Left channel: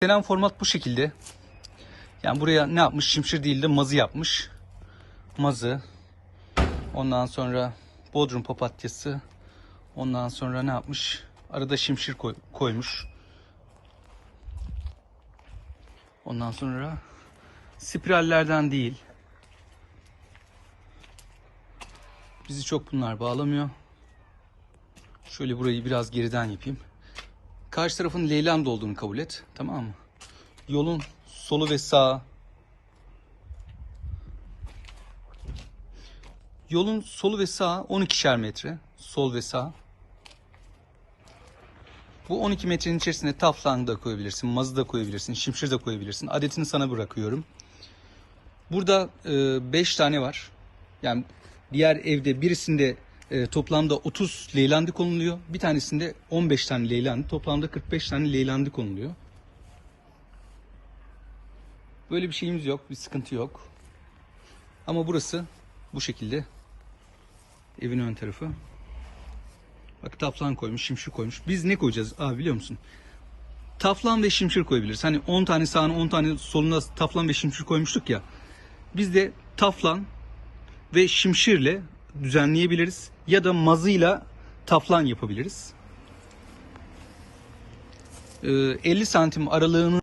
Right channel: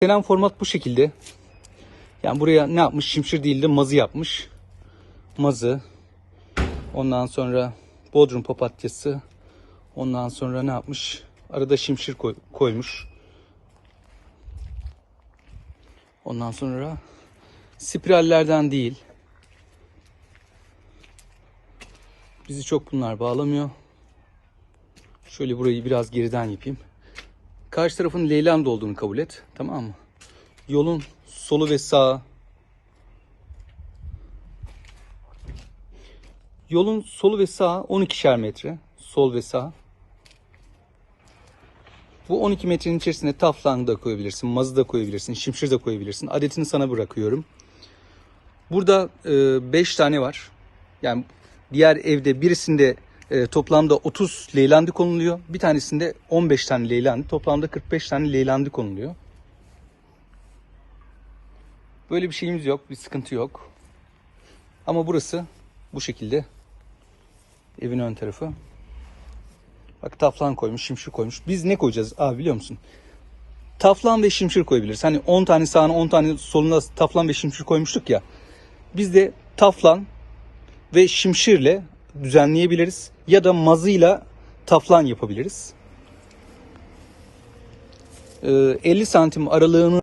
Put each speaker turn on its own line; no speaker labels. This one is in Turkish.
Gelen format bu şekilde. Yani buraya ne yapmış? Şimşir değil de mazı yapmış. Mazı. Ondan sonra bodrum papatyası. Ondan sonra ne yapmış? Arada şimşir koy- koymuş. Ondan sonra spirallerden değil. Bizi çok bunlar bağlamıyor. Şöyle burayı biraz geriden yapayım. Karşı tarafın Leyland olduğunu kabul et. Tamam mı? Yolun solu ve sağı. Yolun solu ve sağı 12'şer metre. Sol ve sağ. Bu 12 metrenin içerisine taflan da koyabilirsin, mazı da koyabilirsin, şimşir de koyabilirsin. Adetini sana bırakıyorum. Burada 5 tane var. Yani diğer evde birisinde e, toplamda 30 leylandi konuluyor. Bir tanesinde 15 tane leylandi. Toplamda 45 tane leylandi konuluyor. Böyle bir şeyimiz yok. Bir sıkıntı yok. Ama burası bu şekilde. Evin ön tarafı. Bak taflan koymuş, şimşir koymuş. Biz ne koyacağız abi biliyor musun? Taflan ve şimşir koyabiliriz. Hani 10 tane sağına 10 tane soluna taflan ve şimşir koymuştuk ya. Biz de taflan ve şimşirle düzenleyebiliriz. Ya da mazıyla taflan yapabiliriz. Ee, 50 santim aralığını